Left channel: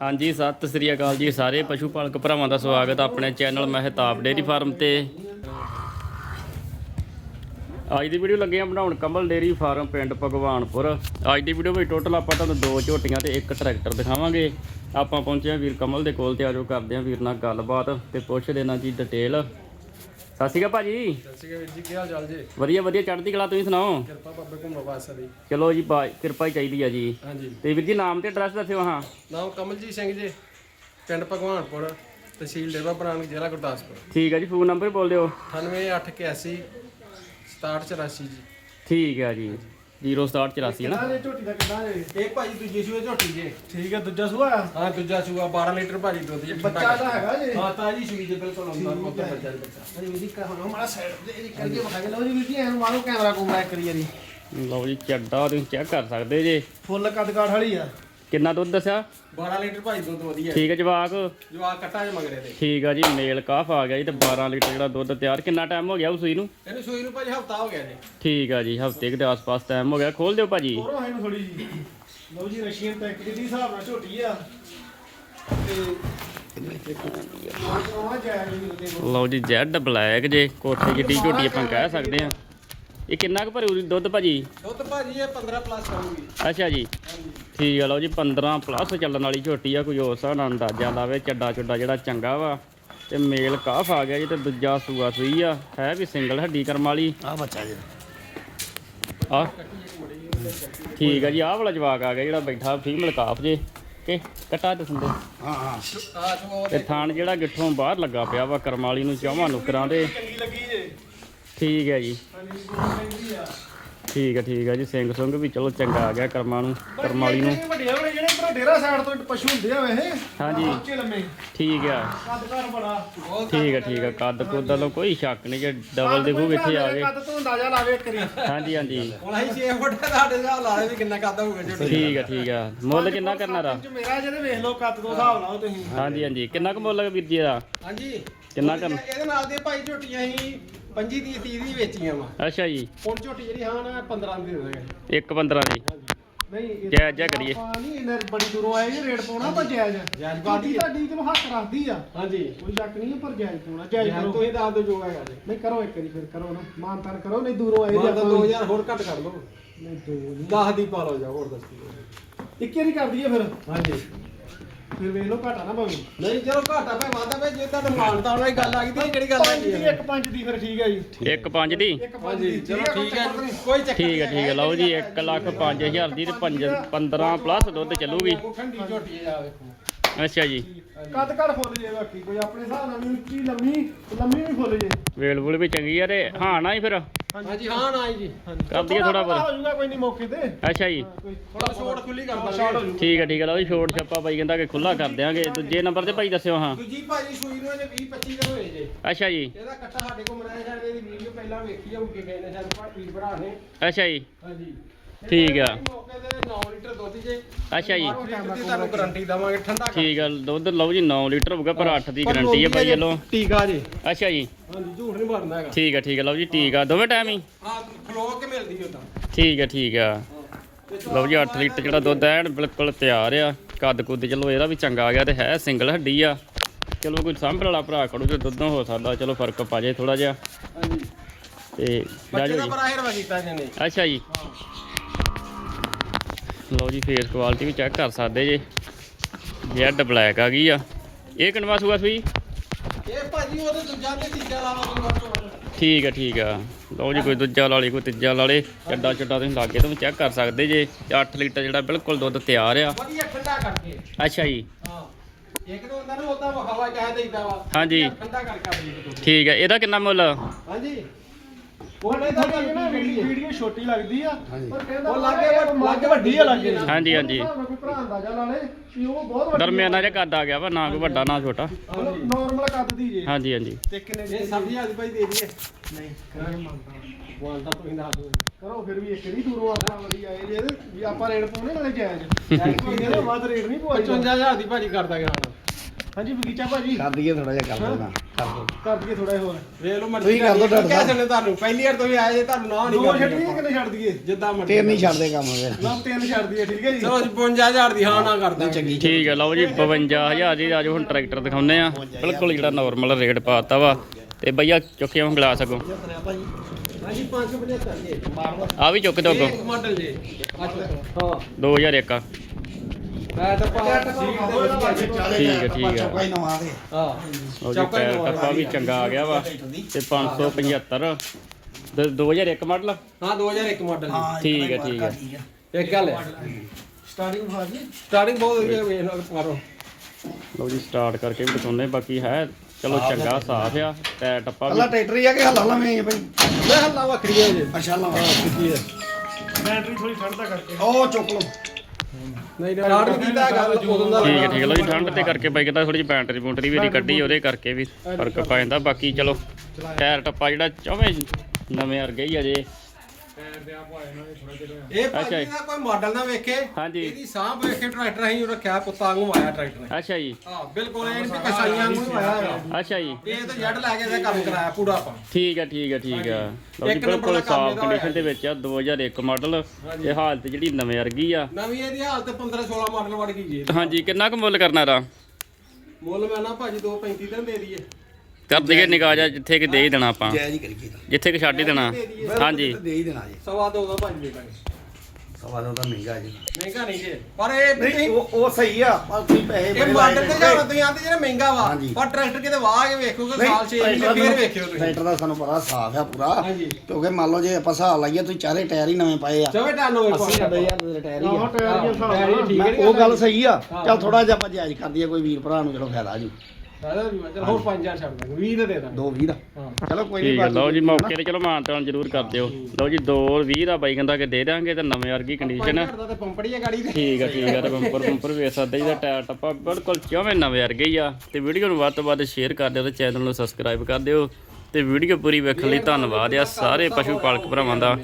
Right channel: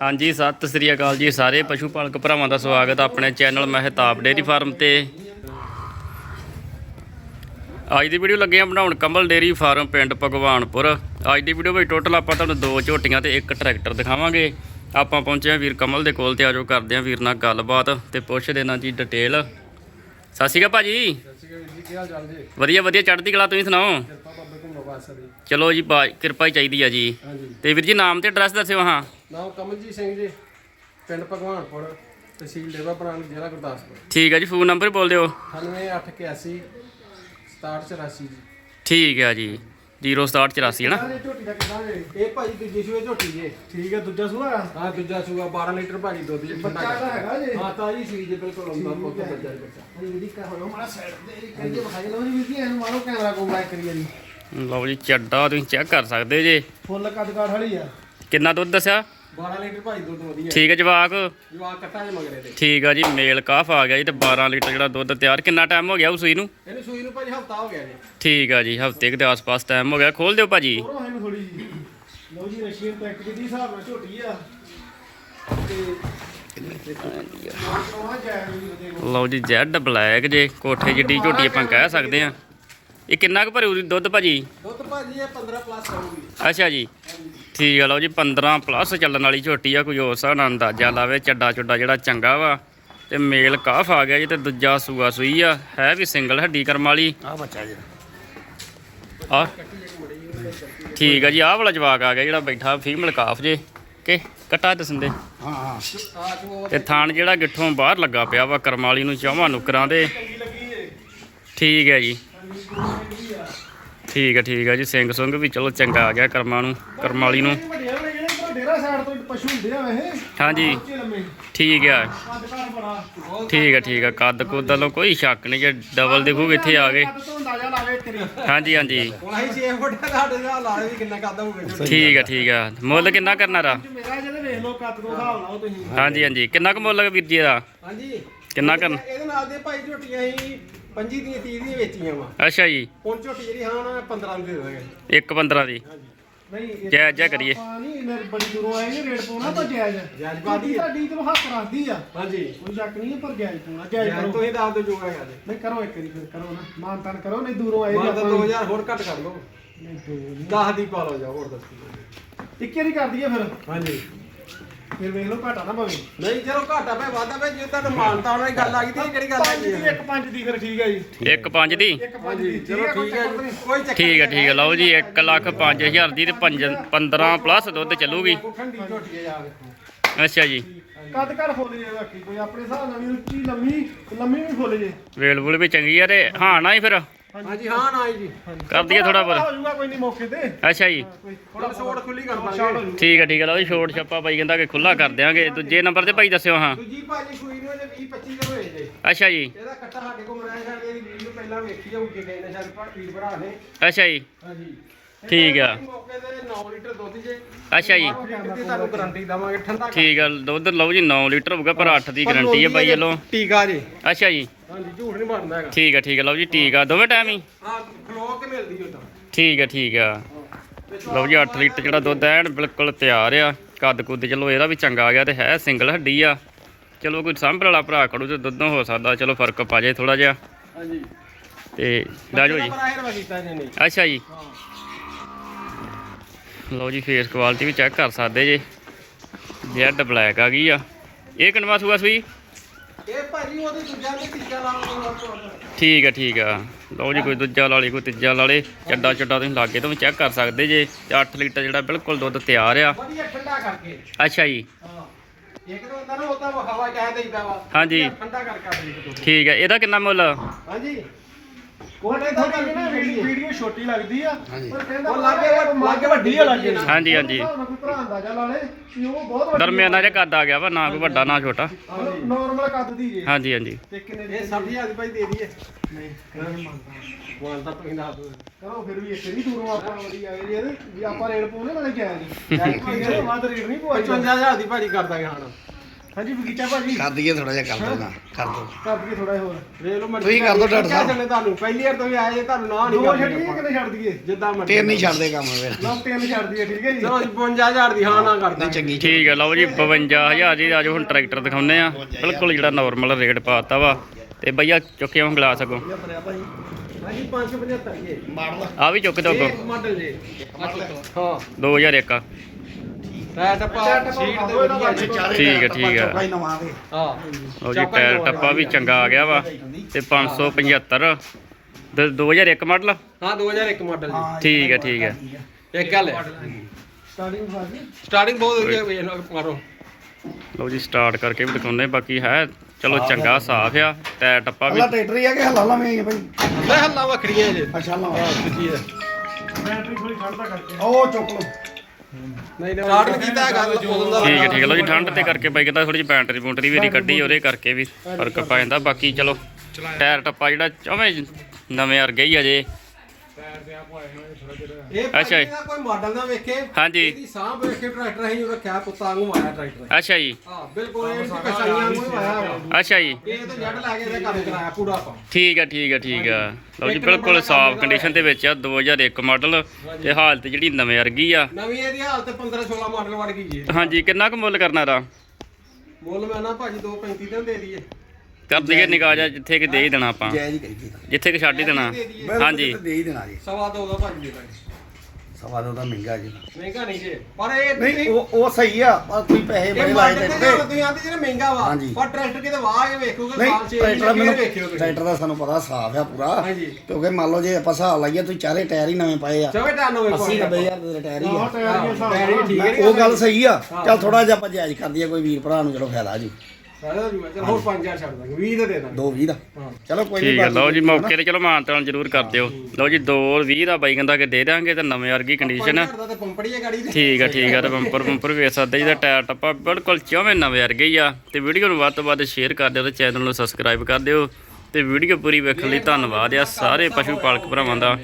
ਹਾਂਜੀ ਸਤਿ ਸ੍ਰੀ ਅਕਾਲ ਜੀ ਸਾਰੇ। ਪਸ਼ੂ ਪਾਲਕ ਭਰਾਵਾਂ ਦਾ ਸਵਾਗਤ ਆਪਣੇ ਚੈਨਲ ਮਹਿਤਾਬ ਡੇਅਰੀ ਫਾਰਮ ਤੇ। ਅੱਜ ਦੀ ਵੀਡੀਓ ਲੱਗੇ ਆ ਬਣਾਉਣ ਕਮਲ ਡੇਅਰੀ ਫਾਰਮ ਪਿੰਡ ਭਗਵਾਨਪੁਰ। ਅੱਜ ਦੀ ਵੀਡੀਓ ਵਿੱਚ ਟੋਟਲ ਆਪਾਂ ਤੁਹਾਨੂੰ ਦੋ ਝੋਟੀਆਂ ਤੇ ਇੱਕ ਟਰੈਕਟਰ ਦਿਖਾਵਾਂਗੇ। ਆਪਾਂ ਪਹੁੰਚੇ ਆ ਵੀਰ ਕਮਲ ਦੇ ਕੋਲ ਤੇ ਆਜੋ ਕਰਦੇ ਆ ਵੀਰ ਨਾਲ ਗੱਲਬਾਤ ਤੇ ਪੁੱਛਦੇ ਨਾ ਜੀ ਡਿਟੇਲ ਸਤਿ ਸ਼੍ਰੀ ਅਕਾਲ ਭਾਜੀ। ਜੀ ਕੀ ਹਾਲ ਚਾਲ ਜੀ? ਵਧੀਆ ਵਧੀਆ ਚੜ੍ਹਦੀ ਕਲਾ ਤੁਸੀਂ ਸੁਣਾਓ? ਕਿਰਪਾ ਘੁੰਮੋ ਬਾਸਾ ਦੀ ਚਲੋ ਜੀ ਬਾ- ਕਿਰਪਾ ਹੀ ਚਾਹੀਦੀ ਆ ਜੀ। ਹਾਂਜੀ। ਤੇ ਵੀਰ ਜੀ ਨਾਮ ਤੇ ਐਡਰੈਸ ਦੱਸਿਓ ਹਾਂ। ਨਾਮ ਕਮਲਜੀਤ ਸਿੰਘ ਜੀ ਪਿੰਡ ਭਗਵਾਨਪੁਰ ਤਹਿਸੀਲ ਡੇਵਾ ਪ੍ਰਾਂਤ ਜ਼ਿਲ੍ਹਾ ਗੁਰਦਾਸਪੁਰ। ਠੀਕ ਹੈ ਜੀ ਫੋਨ ਨੰਬਰ ਬੋਲ ਦਿਓ। 9881 6784 ਜੀ। ਠੀਕ ਹੈ ਜੀ 0784 ਹੈ ਨਾ? ਇਹ ਝੋਟੀ ਦਾ ਕਿੰਨਾ ਹੈ ਇਹ ਭਾਜੀ ਦੂਜੀ ਸੂਏ ਝੋਟੀ ਜੀ। ਠੀਕ ਹੈ ਦੂਜਾ ਸੂਆ? ਹਾਂ ਦੂਜਾ ਸੂਆ 12 ਲੀਟਰ ਭਾਜੀ ਦੁੱਧ ਜੀ। ਬੱਚਾ ਤਾਂ ਹੈਗਾ ਜੀ। ਹਾਂ ਤਾਜੀ ਸੂਈ ਜੀ ਬਿਲਕੁਲ ਆਉਂਦਾ ਪੁੱਤ ਬੱਚਾ ਜੀ। ਬੱਚਾ। ਇਹਦੀ ਕਹਾਂ ਮਾੜਾ ਸਾਈਡ ਦੇ ਇਹਦੀ ਕਹਿੰਦੇ ਵਿਖਾਈ ਲਓ ਜੀ ਵੀਰ ਜੀ ਇਹਨੂੰ ਮਾਰੋ ਕੈਮਰਾ ਬੈਕ ਕਰੀਏ ਜੀ। ਲਓ ਜੀ ਚੱਡਾ ਤੁਸੀਂ ਚੈੱਕ ਕਰ ਸਕਦੇ ਜੇ। ਫੁੱਲ ਕੱਦ ਕਾਠ ਵਾਲੀ ਆ। ਕਿੰਨਾ ਦੁੱਧ ਦੱਸਿਆ? 12 ਲੀਟਰ ਭਾਜੀ ਦੁੱਧ ਵਧੀਆ। ਠੀਕ ਹੈ ਜਵਾਕ। ਜਵਾ ਕੱਟਾ ਜੇ ਮਗਰੇ ਦੇ ਠੀਕ ਆ ਜੀ ਮੇਲ ਕਾਫ ਆ ਗਿਆ ਜੀ ਤੇ 12 ਲੀਟਰ ਜਿਹੜਾ ਦੁੱਧ ਤਿਆਰ। ਕਿੰਨਾ ਟਾਈਮ ਹੋ ਗਿਆ ਉਸ ਸੂਈ ਨੂੰ? ਇਹਨੂੰ ਸੂਈ ਨੂੰ ਭਾਜੀ ਹਫਤਾ ਹੋ ਗਿਆ ਜੀ। ਠੀਕ ਆ ਜੀ ਹਫ਼ਤੇ ਦੇ ਆਸ-ਪਾਸ ਟਾਈਮ ਹੋ ਗਿਆ। ਖੋਲ ਦਿਓ ਭਾਜੀ। ਹੋਰ ਇਹਨੂੰ ਥੋੜੀ ਜੀ। ਲਓ ਜੀ ਰਸ਼ੀਅਨ ਪੈਕ ਦੀ ਹਿਸਾਬ ਨਾਲ ਝੋਟੀ ਆ। ਤੇ ਲਓ ਜੀ ਜੈਡ ਬਲੈਕ ਜੇ ਕੋਠੇ ਜਿੱਡੀ ਝੋਟੀ ਆਪਾਂ ਕਹਿ ਸਕਦੇ ਆ। ਇਹ ਕਿੰਨਾ ਕੁ ਭਰੂ ਦੁੱਧ ਭਾਜੀ? ਦੁੱਧ ਭਾਜੀ ਇਹ 15 ਪਲੱਸ ਆਊਗੀ ਅੱਛਾ ਜੀ। ਠੀਕ ਆ ਲਓ ਜੀ 15 ਪਲੱਸ ਚੱਲਣ ਵਾਲੀ ਝੋਟੀ ਆ ਕੋਈ ਹੋਰ ਹਿਸਾਬ ਨਾਲ ਅੰਦਾਜ਼ਾ ਲਾਵੇ ਚੱਡਾ ਚੁੱਡਾ ਜਿਹੜਾ ਚੰਗਾ ਵਾ। ਤੇ ਮੇਲ ਕਾਫ ਆ ਗਿਆ ਜੀ ਤੇ ਦੂਜਾ ਸੂਆ ਸੂਈ ਆ ਹੈ ਵੀ ਸਿੰਗਲ ਹੱਡੀ ਕਰਮ ਵਾਲੀ। ਆ ਬੱਚਾ ਜੀ। ਆ। ਠੀਕ ਆ ਜੀ ਆਹ ਵਾਲਾ ਜਵਾਕ ਆ ਗਿਆ ਜਿਹੜਾ ਬੈਠਾ ਫੀਮੇਲ ਕਾਫ ਜੇ। ਕਿ ਕਟਾ ਦਸੰਦੇ ਹਾਂ ਹਾਂ। ਤੇ ਥਾਣ ਜਿਹੜਾ ਗਿੱਠੋਂ ਬਾਹਰ ਲੱਗਾ ਪਿਆ ਵਾ ਕਰਮ ਵਾਲੀ ਨੂੰ ਚੌਵਾਂ ਨੁਕਰਾਂ ਦੇ। ਠੀਕ ਹੈ ਜੀ। ਠੀਕ ਹੈ ਠੀਕ ਹੈ ਜੀ ਸਿੰਘ ਸੁੰਗ ਵੀ ਚਲੋ ਚੰਗਾ ਆ ਗਿਆ ਕਰਮਾਂ ਨੂੰ ਕਰਮ ਵਾਲੀ ਨੂੰ। ਇਹ ਵੱਡੀਆਂ ਵਾਲੇ ਜਿਹੜੇ ਇਧਰ ਡੇਰਾ ਸਾਈਡ ਤੋਂ ਪਸ਼ੂ ਹੁੰਦੇ ਆ ਵੈਸੇ। ਹਾਂਜੀ। ਉੱਚੇ ਲੰਮੇ। ਠੀਕ ਆ। ਕੱਦ ਘਰ ਬੜਾ। ਠੀਕ ਹੈ ਠੀਕ ਹੈ ਕੱਦ ਕੁੱਦ ਵੱਲੋਂ ਕੋਈ ਸ਼ੱਕ ਨਹੀਂ ਜੇ ਡਬਲ ਦੇਖੂਗੇ ਇੱਥੇ ਆ ਗਏ। ਕੱਦ ਤੋਂ ਅੰਦਾਜ਼ਾ ਲਾਵੇ ਕਰੀ ਹਾਂਜੀ ਹਾਂਜੀ। ਹੁਣ ਅਸੀਂ 6 ਫੁੱਟ ਦਾ ਸਾਡੇ ਦਾ ਲਾ ਵੀ ਕਿੰਨਾ ਕਰਦਾ ਹੋਊਗਾ ਝੋਟੀ ਠੀਕ ਹੈ ਠੀਕ ਹੈ ਮੁੱਲ ਕਿੰਨਾ ਕਰਨਾ ਰਾ? ਮੇਰਾ ਜਿਹਦੇ ਵੇਖ ਲਓ ਕੱਦ ਤੋਂ ਹਿਸਾਬ ਲਾਓ ਤੁਸੀਂ। ਹਾਂਜੀ ਹਾਂਜੀ। ਕਿੰਨਾ ਕੁ ਮੁੱਲ ਹੈ ਵੀਰ ਜੀ ਦਾ ਹਾਂਜੀ। ਕਿੰਨਾ ਕਰਨ? ਇਹਦੇ ਨਾਲ ਦੇ ਭਾਈ ਝੋਟੀਆਂ ਅਸੀਂ 25 ਦੀ 30 ਦੀ ਵੇਚੀਆਂ ਵਾ। ਅੱਛਾ ਜੀ। ਹੁਣ ਝੋਟੀ ਜਿਹੜੀ ਹਾਂ ਨਾ 15 ਦੀ ਦੇ ਦਾਂਗੇ। ਇੱਕ 15 ਦੀ। ਨਹੀਂ ਇਹ ਜਾਇਜ਼ ਜਿਹਾ ਕਰੀਏ। ਆਪਾਂ ਨਹੀਂ ਇੰਨੇ ਬੜੀ ਦੂਰੋਂ ਆਏ ਜੀ ਰੇਟ ਪਾਉਣਾ ਤਾਂ ਜਾਇਜ਼ ਜਾਇਜ਼ ਬਾਡੀ ਤੁਹਾਡੀ ਚਲੋ ਹੱਥ ਰੱਖਦੀ ਆ। ਹਾਂਜੀ। ਕੋਈ ਸ਼ੱਕ ਨਹੀਂ ਹੈ, ਪਰ ਜਾਇਜ਼ ਪਾਉਣਾ ਜਾਇਜ਼ ਯਾਰ ਕਰੋ। ਤੁਸੀਂ ਦੱਸ ਦਿਓ ਜੋ ਹੈਗਾ ਜੀ। ਨਹੀਂ ਕਰੋ ਇੱਕ ਵਾਰੀ ਫਿਰ ਕਰੋ ਨਾ। ਮਾਨ ਤਾਨ ਕਰੋ ਨਹੀਂ ਦੂਰੋਂ ਆਏ ਜੀ ਮਾਂ ਤਾਂ ਆਪਾਂ 2000 ਹੋਰ ਘੱਟ ਕਰ ਲਓ। ਨਹੀਂ ਦੋ ਨਹੀਂ। 10 ਦੀ ਪਾ ਲਓ ਜਾ ਹੋਰ ਦੱਸੀ ਇੱਕ ਵਾਰੀ ਕਰ ਦਈਏ ਫਿਰ। ਹਾਂਜੀ। ਫਿਰ ਵੇਖ ਲਓ ਘਾਟਾ ਨਾ ਪਵੇ। ਨਹੀਂ ਚਲੋ ਘਾਟਾ ਪੈ ਵਾਦਾ ਪੈ ਜੇ ਤੁਹਾਨੂੰ ਮਾਨਤਾ ਵਾਲੀ ਗੱਲ ਆ ਗਈ ਤੇ ਕਿਹੜੀ ਗੱਲ ਪੰਜ ਦੀ ਹੈ ਇੱਕ ਪੰਜ ਦੀ ਫਿਰ ਠੀਕ ਹੈ ਜੀ। ਇੱਕ 5 ਦੀ? ਇੱਕ ਪੰਜ ਦੀ ਚਲੋ ਠੀਕ ਹੈ ਜੀ। ਕੋਈ ਚੱਕਰ ਠੀਕ ਹੈ ਠੀਕ ਹੈ ਲਓ ਜੀ 1 ਲੱਖ 5000 ਦੀ ਤੇ 15 ਪਲੱਸ ਦੁੱਧ ਚੱਲੂਗੀ। ਠੰਡੀ ਝੋਟੀ ਹੈ ਆ ਵੇਖੋ। ਅੱਛਾ ਜੀ। ਕੱਦ ਘੜ ਫੁੱਲ ਜੇ ਬਾਕੀ ਕੋਈ ਆਪਣੇ ਹਿਸਾਬ ਨਾਲ ਵੀ ਉੱਚੀ ਲੰਮੀ ਲੰਮੀ ਵੀ ਫੁੱਲ ਜੇ। ਵੇਲ ਵੂਲ ਵੀ ਚੰਗੀ ਆ ਤੇ ਹਾਂ ਨਾ ਹੀ ਫਿਰ। ਹਾਂਜੀ ਹਾਂ ਨਾ ਜੀ ਕਰ ਦਈਏ ਥੋੜਾ ਪਰ ਹੋ ਜਾਊਗਾ ਕੋਈ ਨਹੀਂ ਮੌਕੇ ਤੇ। ਅੱਛਾ ਜੀ। ਕੋਈ ਥੋੜਾ ਛੋਟ ਖੁੱਲੀ ਕਰ ਸ਼ਾਰਟ ਦਾਂਗੇ। ਠੀਕ ਹੈ ਠੀਕ ਹੈ ਲਓ ਜੀ ਛੋਟ ਛੱਪਾ ਬਾਈ ਕਹਿੰਦਾ ਕਿ ਖੁੱਲਾ ਕਰ ਦਿਆਂਗੇ। ਦੂਜੇ ਨੰਬਰ ਤੇ ਭਾਈ ਦੱਸਿਓ ਹਾਂ। ਦੂਜੀ ਭਾਜੀ ਸੂਈ ਨੂੰ ਜੇ 20 25 ਦਿਨ ਹੋਏ ਜੇ। ਅੱਛਾ ਜੀ। ਇਹਦਾ ਕੱਟਾ ਸਾਡੇ ਕੋਲ ਮਰਾਇਆ ਸਾਡੇ ਇਹਦੀ ਵੀਡੀਓ ਪਹਿਲਾਂ ਵੇਖੀ ਜਾਊਗੀ ਗਏ ਨੇ ਸਾਡੇ ਪਰ ਵੀਰ ਭਰਾ ਨੇ। ਅੱਛਾ ਜੀ। ਹਾਂਜੀ। ਠੀਕ ਆ। ਮੌਕੇ ਤੇ 9 ਲੀਟਰ ਦੁੱਧ ਜੇ ਅੱਛਾ ਜੀ। ਤੁਹਾਨੂੰ ਗਾਰੰਟੀ ਦਵਾਂਗੇ ਠੰਡਾ ਕਰ ਠੀਕ ਆ ਦੁੱਧ ਲਓ ਜੀ 9 ਲੀਟਰ ਹੋਊਗਾ ਪਰ 8 ਦੀ ਗਾਰੰਟੀ ਹੈ ਬਾਈ ਵੱਲੋਂ। ਟੀਕਾ ਜੇ ਅੱਛਾ ਜੀ। ਹਾਂਜੀ ਝੂਠ ਨਹੀਂ ਬਣਦਾ ਹੈਗਾ ਠੀਕ ਹੈ ਠੀਕ ਹੈ ਲਓ ਜੀ ਠੀਕ ਆ। ਦੋਵੇਂ ਟਾਈਮ ਹੀ? ਹਾਂ ਖਲੋ ਕੇ ਮਿਲਦੀ ਉਦਾਂ ਠੀਕ ਹੈ ਠੀਕ ਆ। ਲਓ ਜੀ 8 ਲੀਟਰ ਜਿਹੜਾ ਦੁੱਧ ਐਨ ਬਿਲਕੁਲ ਤਿਆਰ ਆ। ਕੱਦ ਕੁੱਦ ਚਲੋ ਇਹਦਾ ਵੀ ਚੰਗਾ ਆ ਗਿਆ ਤੇ ਹੈ ਸਿੰਗਲ ਹੱਡੀ ਆ। ਚਲੋ ਕੋਈ ਸਾਂਭਣ ਵਾਲਾ ਭਰਾ ਖੜੂ ਤੇ ਦੁੱਧੋਂ ਹੋ ਸਕਦਾ ਚਲੋ ਫ਼ਰਕ ਪਾ ਜਾਏ ਥੋੜਾ ਜਿਹਾ। ਹਾਂਜੀ। ਤੇ ਲੈ ਜਾਓ ਜੀ। ਅੱਛਾ ਜੀ। ਲਓ ਜੀ ਫੇਸ ਕੁਆਲਿਟੀ ਵੀ ਚੈੱਕ ਕਰ ਸਕਦੇ ਜੇ। ਜੈਡ ਬਲੈਕ ਆ ਗਈ ਆ। ਇਹ ਕਿੰਨਵਾ ਸੂਆ ਸੂਈ ਇਹ ਭਾਜੀ ਉਹਦੇ ਦੂਜਾ ਨਹੀਂ ਤੀਜਾ ਤੋਂ ਠੀਕ ਆ ਠੀਕ ਆ। ਲਓ ਜੀ ਕੋਈ ਦੂਜਾ ਲਾਲੀ ਕੋਈ ਤੀਜਾ ਲਾਲੇ ਚੱਡਾ ਚੱਡਾ ਤੁਸੀਂ ਲਾਗੇ ਤੋਂ ਵੀ ਚੈੱਕ ਕਰ ਸਕਦੇ ਜੇ। ਤੇ 8 ਲੀਟਰ ਜਿਹੜਾ ਬਿਲਕੁਲ ਦੁੱਧ ਤਿਆਰ ਆ। ਵਧੀਆ ਠੰਡਾ ਕਰਕੇ। ਅੱਛਾ ਜੀ। ਹਾਂ। ਇੱਕ ਤਾਂ ਹੁੰਦਾ ਨਾ ਉਹਦਾ ਹਵਾ ਚਾਹ ਦੇਈਦਾ ਵਾ। ਹਾਂਜੀ। ਠੰਡਾ ਕਰਕੇ ਲਈ ਠੀਕ ਆ ਇਹਦਾ ਕਿੰਨਾ ਮੁੱਲ? ਹਾਂਜੀ। ਉਹਨੇ ਥੋੜੀ ਨਾ ਵੀਡੀਓ ਛੋਟੀ ਲੱਗਦੀ ਆ। ਪਰ ਕਹਿੰਦਾ ਉਹ ਲਾਗੇ- ਲਾਗੇ ਵੱਡੀ ਆ ਲਾਗੇ। ਹਾਂਜੀ, ਹਾਂਜੀ। ਕੋਈ ਭਰਾ ਅੰਦਾਜ਼ਾ ਲਾ ਲੇ ਵੀ ਉਹ ਬਹੁਤ ਵੱਡੀ ਦਰਮਿਆਨਾ ਜਿਹਾ ਕੱਦ ਆ ਗਿਆ ਵਾ ਨਾ ਕੋਈ ਵੱਡਾ ਨਾ ਛੋਟਾ। ਨਾਰਮਲ ਕੱਦ ਦੀ ਜੇ ਹਾਂਜੀ ਹਾਂਜੀ। ਤੇ ਕਿੰਨੇ ਇਹ 60000 ਦੀ? ਭਾਈ ਦੇ ਦਈਏ ਨਹੀਂ ਕਰੋ ਮੰਨਦਾ ਵਾਲਦਾ ਤੁਸੀਂ ਦੱਸ ਦਿਓ। ਕਰੋ ਫਿਰ ਵੀ ਇੱਕ ਨਹੀਂ ਦੂਰੋਂ ਆਪਾਂ ਵਾਰੀ ਆਏ ਜੇ ਵੀ ਆਪਾਂ ਰੇਟ ਪਾਉਣੇ ਨਾਲੇ ਜਾਇਜ਼। ਜਾਇਜ਼। ਵੱਧ ਰੇਟ ਨਹੀਂ ਪਵਾਈ 55000 ਦੀ ਭਾਜੀ ਕਰ ਦਾਂਗੇ ਹਾਂ ਹਾਂਜੀ ਬਗੀਚਾ ਭਾਜੀ। ਕਰ ਦਈਏ ਥੋੜਾ ਜਿਹਾ ਕਰ ਦੋ ਕਰ ਦੋ। ਕਰ ਦਈਏ ਥੋੜਾ ਜਿਹਾ ਹੋਰ। ਵੇਖ ਲਓ ਮਰਜ਼ੀ ਤੁਸੀਂ ਕਰ ਦਿਓ ਡਾਕਟਰ ਸਾਹਿਬ। ਕਹਿ ਤੁਹਾਨੂੰ? ਪਹਿਲੀ ਵਾਰ ਤੁਸੀਂ ਆਏ ਜੇ ਤੁਹਾਨੂੰ ਨਾ ਨਹੀਂ ਦੋ ਕਰਨੀ ਛੱਡੀਏ ਆਪਾਂ। ਕਿ ਨਹੀਂ ਛੱਡ ਦਈਏ? ਜਿੱਦਾਂ ਮਰਜ਼ੀ ਤੇਰ ਨਹੀਂ ਛੱਡਦੇ ਕੰਮ ਵੇ ਨਾ ਤਿੰਨ ਛੱਡ ਦਈਏ ਠੀਕ ਹੈ ਜੀ? ਚਲੋ ਜੀ 55000 ਦੀ ਹਾਂ ਨਾ ਕਰਦਾ ਨਹੀਂ ਚੰਗੀ ਠੀਕ ਹੈ ਲਓ ਜੀ 52000 ਜੀ ਆਜੋ ਹੁਣ ਟਰੈਕਟਰ ਦਿਖਾਉਂਦੇ ਆ ਬਿਲਕੁਲ ਜਿਹੜਾ ਨਾਰਮਲ ਰੇਟ ਪਾਤਾ ਵਾ। ਤੇ ਭਈਆ ਚੁੱਕਿਆ ਹੁਣ ਗਲਾਸ ਅਗੋ। ਹਾਂਜੀ 575 ਜੀ। ਆ ਵੀ ਚੁੱਕ ਦੋ ਅਗੋ। ਮਾਡਲ ਜੀ। ਹਾਂ। 2001 ਸੀਟ ਵਧੀਆ ਜੀ ਠੀਕ ਹੈ ਠੀਕ ਹੈ। ਲਓ ਜੀ ਟਾਇਰ ਟੱਪਾ ਵੀ ਚੰਗਾ ਆ ਗਿਆ ਵਾ ਤੇ 575 ਤੇ 2001 ਮਾਡਲ? ਹਾਂ 2001 ਮਾਡਲ ਜੀ ਠੀਕ ਹੈ ਠੀਕ ਹੈ। ਇੱਕ ਗੱਲ ਹੈ। ਸਟਾਰਟਿੰਗ ਬਹੁਤ ਵਧੀਆ ਵੇਖ ਲਓ ਮਾਰੋ। ਲਓ ਜੀ ਸਟਾਰਟ ਕਰਕੇ ਵੀ ਦਿਖਾਉਂਦੇ ਬਾਕੀ ਹੈ ਚਲੋ ਚੰਗਾ ਸਾਫ਼ ਆ ਟਾਇਰ ਟੱਪਾ ਵੀ ਟਰੈਕਟਰ ਹੀ ਆ ਕਿ ਹੱਲਾ ਹੱਲਾ ਵੀ ਭਾਈ ਇਹ ਹੱਲਾ ਵੱਖਰੀ ਹੈ ਜੀ। ਅੱਛਾ ਲਾ ਕੀ ਹੈ। ਬੈਟਰੀ ਥੋੜੀ ਠੰਡਾ ਕਰਕੇ। ਉਹ ਚੁੱਕ ਲਓ। ਨਹੀਂ ਨਹੀਂ ਸਟਾਰਟ ਕੀਤਾ ਹੈਗਾ ਉਦੋਂ ਦਾ ਠੀਕ ਹੈ ਠੀਕ ਹੈ। ਲਓ ਜੀ, ਠੰਡ ਤੇ ਕਰਕੇ ਬਾਈ ਕਹਿੰਦਾ ਥੋੜੀ ਜਿਹੀ ਬੈਟਰੀ ਬੂਟਰੀ ਵੀ ਇਹਦੀ ਕੱਢੀ, ਉਹਦੇ ਕਰਕੇ ਵੀ ਫ਼ਰਕ ਪੈ ਜਾਂਦਾ। ਬਾਕੀ ਚਲੋ, ਟਾਇਰ ਟੱਪਾ ਜਿਹੜਾ ਚਵੇਂ ਨਵੇਂ ਵਰਗੇ ਹੀ ਅਜੇ ਇਹ ਅੱਛਾ ਭਾਜੀ ਜੀ। ਦਾ ਕੋਈ ਮਾਡਲ ਨਾ ਵੇਖੇ ਹਾਂਜੀ। ਇਹਦੀ ਸਾਂਭ ਵੇਖੇ ਟਰੈਕਟਰ ਅਸੀਂ ਰੱਖਿਆ ਪੁੱਤਾਂ ਵਾਂਗੂ ਆਇਆ ਟਰੈਕਟਰ। ਅੱਛਾ ਜੀ। ਹਾਂ ਬਿਲਕੁਲ ਇਹ ਨਹੀਂ ਕਸਾਈਆਂ ਨੂੰ ਆਇਆ ਹੋਇਆ। ਅੱਛਾ ਜੀ। ਇਹ ਤਾਂ ਜੱਟ ਲੈ ਕੇ ਇਹਦਾ ਕੰਮ ਕਰਾਇਆ ਪੂਰਾ ਆਪਾਂ। ਠੀਕ ਹੈ ਠੀਕ ਹੈ ਠੀਕ ਹੈ ਲਓ ਜੀ ਇੱਕ ਬਿਲਕੁਲ ਦਾ ਸਾਫ਼ ਕੰਮ ਕੰਡੀਸ਼ਨ ਦੇ ਵਿੱਚ ਆ 2001 ਮਾਡਲ ਤੇ ਹਾਲਤ ਜਿਹੜੀ ਨਵੇਂ ਵਰਗੀ ਆ। ਨਵੀਂ ਇਹਦੀ ਹਾਲਤ 15 16 ਮਾਡਲ ਵੜ ਗਈ ਜੀ ਹਾਂਜੀ ਕਿੰਨਾ ਕੁ ਮੁੱਲ ਕਰਨਾ ਦਾ ਮੁੱਲ ਮੈਂ ਨਾ ਭਾਜੀ 235 ਦਿਨ ਦੇ ਦਈਏ। ਕਰ ਦਈਏ ਨਿਕਾਹ ਜਾ ਜਿੱਥੇ ਕਿ ਦੇ ਹੀ ਦੇਣਾ ਆਪਾਂ। ਜੈ ਜੀ ਕਰੀਏ ਤਾਂ। ਜਿੱਥੇ ਕਿ ਛੱਡ ਹੀ ਦੇਣਾ। ਹਾਂਜੀ। ਦੇ ਹੀ ਦੇਣਾ ਜੀ। ਸਵਾ ਦੋ ਦਾ ਭਾਜੀ ਦੇ ਦਾਂਗੇ। ਸਵਾ ਦੋ ਤਾਂ ਮਹਿੰਗਾ ਜੀ। ਮਹਿੰਗਾ ਨਹੀਂ ਜੇ। ਪਰ ਇਹ ਨਹੀਂ ਉਹ ਉਹ ਸਹੀ ਆ ਪਰ ਤੁਸੀਂ ਪੈਸੇ ਇਹ ਬੜੇ ਮਾਡਲ ਲਾਏ ਤੇ ਜਾਂ ਤੁਸੀਂ ਆਂਦੇ ਜਿਹੜਾ ਮਹਿੰਗਾ ਵਾ। ਹਾਂਜੀ। ਪਰ ਟਰੈਕਟਰ ਕਿਤੇ ਵਾਹ ਕੇ ਵੇਖੋਗੇ ਨਹੀਂ, ਸਾਲ 6 ਮਹੀਨੇ ਟਰੈਕਟਰ ਫੇਰ ਦਾ- ਵੇਖਿਓ ਤੁਸੀਂ। ਟਰੈਕਟਰ ਦਾ ਸਾਨੂੰ ਪਤਾ ਸਾਫ਼ ਆ ਪੂਰਾ। ਹਾਂਜੀ। ਕਿਉਂਕਿ ਮੰਨ ਲਓ ਜੇ ਆਪਾਂ ਹਿਸਾਬ ਲਾਈਏ ਤੁਸੀਂ ਚਾਰੇ ਟਾਇਰ ਹੀ ਨਵੇਂ ਪਾਏ ਆ। ਚੌਵੇਂ ਟਨ ਹੋਵੇ 80 90000 ਦੇ ਟਾਇਰ ਹੀ ਆਹੋ ਆ। ਟਾਇਰ ਹੀ ਹਿਸਾਬ ਟਾਇਰ ਹੀ ਠੀਕ ਹੈ ਨੀ ਉਹ ਗੱਲ ਸਹੀ ਆ। ਹਾਂ। ਚੱਲ ਥੋੜਾ ਜਿਹਾ ਆਪਾਂ ਜਾਇਜ਼ ਕਰ ਦਈਏ ਕੋਈ ਵੀਰ ਭਰਾ ਨੂੰ ਚਲੋ ਫਾਇਦਾ ਜੀ। ਫਾਇਦਾ ਵੀ ਹੋਇਆ। ਚਲ ਹੋਰ 5000 ਛੱਡ ਦਾਂਗੇ 20 ਦੇ ਦੇ ਦਾਂਗੇ। ਦੋ ਵੀਹ ਦਾ। ਹਾਂ। ਚਲੋ ਕੋਈ ਠੀਕ ਹੈ ਲਓ ਜੀ ਮੌਕੇ ਤੇ ਚਲੋ ਮਾਨਤਾਨ ਜ਼ਰੂਰ ਕਰ ਦਿਓ। ਲਓ ਜੀ 220 ਦਾ ਬਾਈ ਕਹਿੰਦਾ ਕਿ ਦੇ ਦਾਂਗੇ ਤੇ ਨਵੇਂ ਵਰਗੀ ਕੰਡੀਸ਼ਨ ਆ। 5000 ਦਾ ਤੇ ਪੰਪੜੀ ਹੈ ਗਾੜੀ ਤੇ। ਠੀਕ ਹੈ ਠੀਕ ਹੈ ਤੇ ਬੰਪਰ ਬੰਪਰ ਵੇਚ ਸਕਦੇ ਟਾਇਰ ਟੱਪਾ ਬਿਲਕੁਲ ਚੌਵੇਂ ਨਵੇਂ ਵਰਗੇ ਹੀ ਆ। ਤੇ ਵੀਡੀਓ ਨੂੰ ਵੱਧ ਤੋਂ ਵੱਧ ਸ਼ੇਅਰ ਕਰ ਦਿਓ ਤੇ ਚੈਨਲ ਨੂੰ ਸਬਸਕ੍ਰਾਈਬ ਕਰ ਦਿਓ। ਤੇ ਵੀਡੀਓ ਪੂਰੀ ਵੇਖਣ ਲਈ ਧੰਨਵਾਦ ਆ ਸਾਰੇ ਪਸ਼ੂ ਪਾਲਕ ਭਰਾਵਾਂ ਦਾ।